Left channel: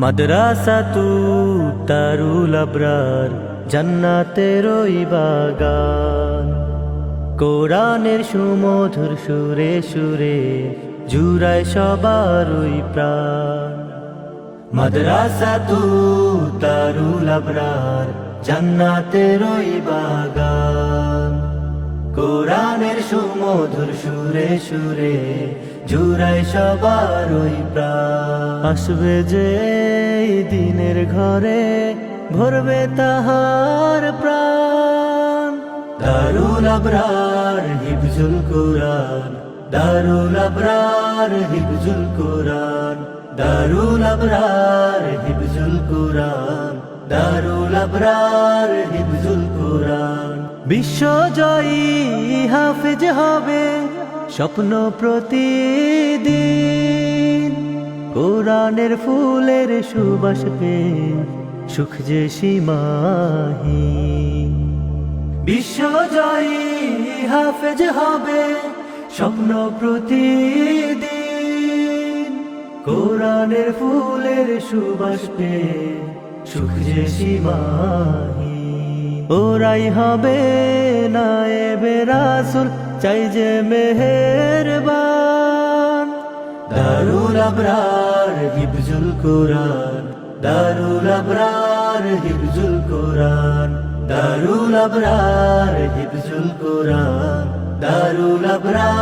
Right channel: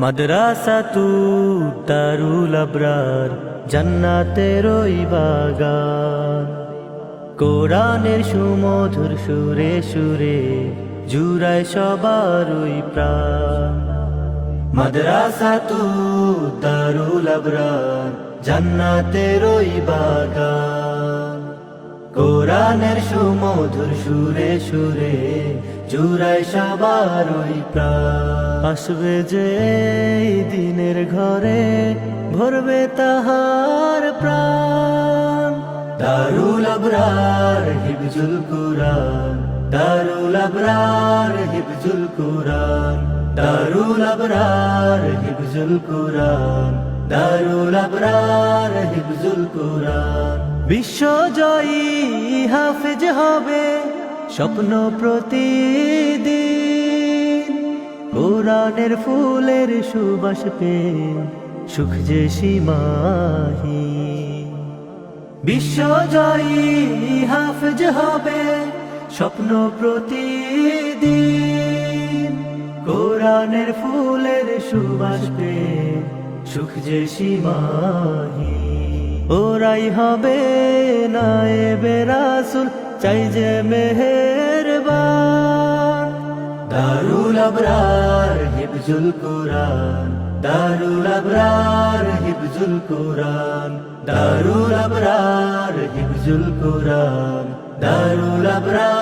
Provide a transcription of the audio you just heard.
মাদ্রাসাতু দারুল আবরার জান্নাতেরই বাগান। কোরআনের সুমধুর সুরে সুরে জুড়ায় সবারই প্রাণ। মাদ্রাসাতু দারুল আবরার জান্নাতেরই বাগান। কোরআনের সুমধুর সুরে সুরে জুড়ায় সবারই প্রাণ। আসবে যে এই দিনের ঘরে ভরবে তাহার প্রাণ। দারুল আবরার হিফজুল কুরআন, দারুল আবরার হিফজুল কুরআন, দারুল আবরার হিফজুল কুরআন, দারুল আবরার হিফজুল কুরআন। বিশ্বজয়ী হাফেজ হবে স্বপ্ন প্রতিদিন। কোরআনের ফুলের সুবাস পেয়ে সুখ যে সীমাহীন। বিশ্বজয়ী হাফেজ হবে স্বপ্ন প্রতিদিন। কোরআনের ফুলের সুবাস পেয়ে সুখ যে সীমাহীন। ওরাই হবে নায়েবে রাসূল, চাই যে মেহেরবান। দারুল আবরার হিফজুল কুরআন, দারুল আবরার হিফজুল কুরআন, দারুল আবরার হিফজুল কুরআন, দারুল আবরার